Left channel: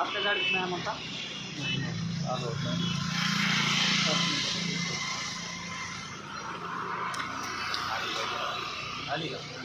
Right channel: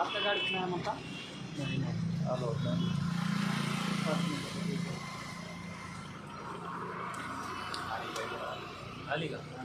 आपल्या गाडीत नाही म्हणता आलो आली नाही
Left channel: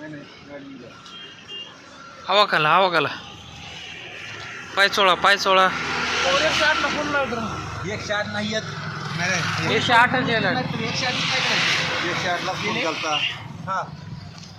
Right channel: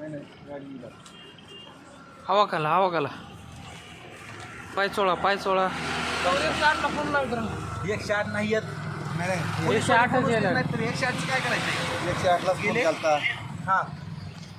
नाही गाडी हवा खाला हवा खाला पाय चोळा पाय चोळा एकशे आठ नाही येत एकशे आठच येणार एकशे आठ काय करायचं एकशे आठला फोन करता हां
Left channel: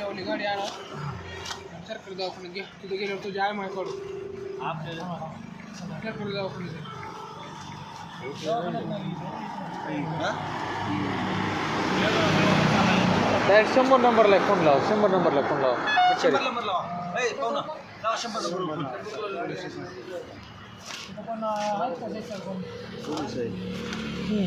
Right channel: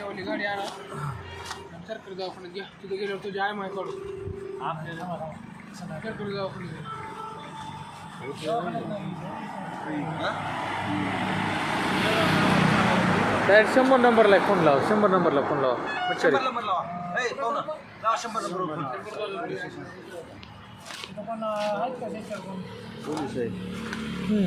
त्या ओली गाडी आणा सरकारी दवाखान्यात घ्या तिथे गेल्यावर तुझ्या आय माय काढू सरकारी दवाखान्यात दवाखान्यात डायरेक्ट शंभर नंबरला फोन लाव शंभर नंबरला फोन लाव अच्छा नंबर लावा ए पाहुणा लावा शंभर नंबर पण आहेत का कोण हम्म.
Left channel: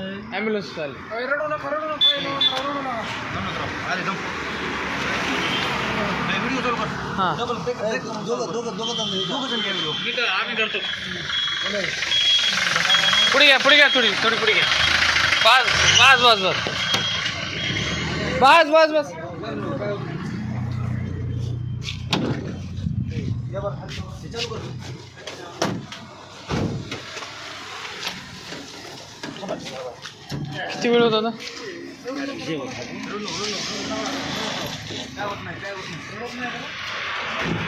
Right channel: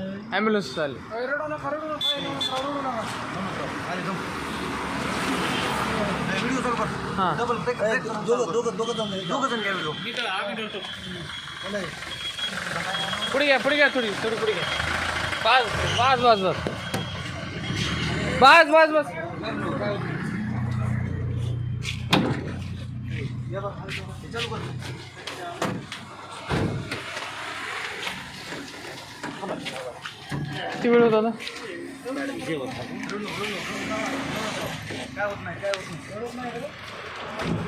ಆ್ಯಂಬುಲೆನ್ಸ್ ಅಲ್ಲಿ ಹಾಂ पुड़ी गया पुड़ी गया थोड़ी थोड़ी पुड़ी गया बस बस बस बस बस बस बस चलो किती वेळ होता ना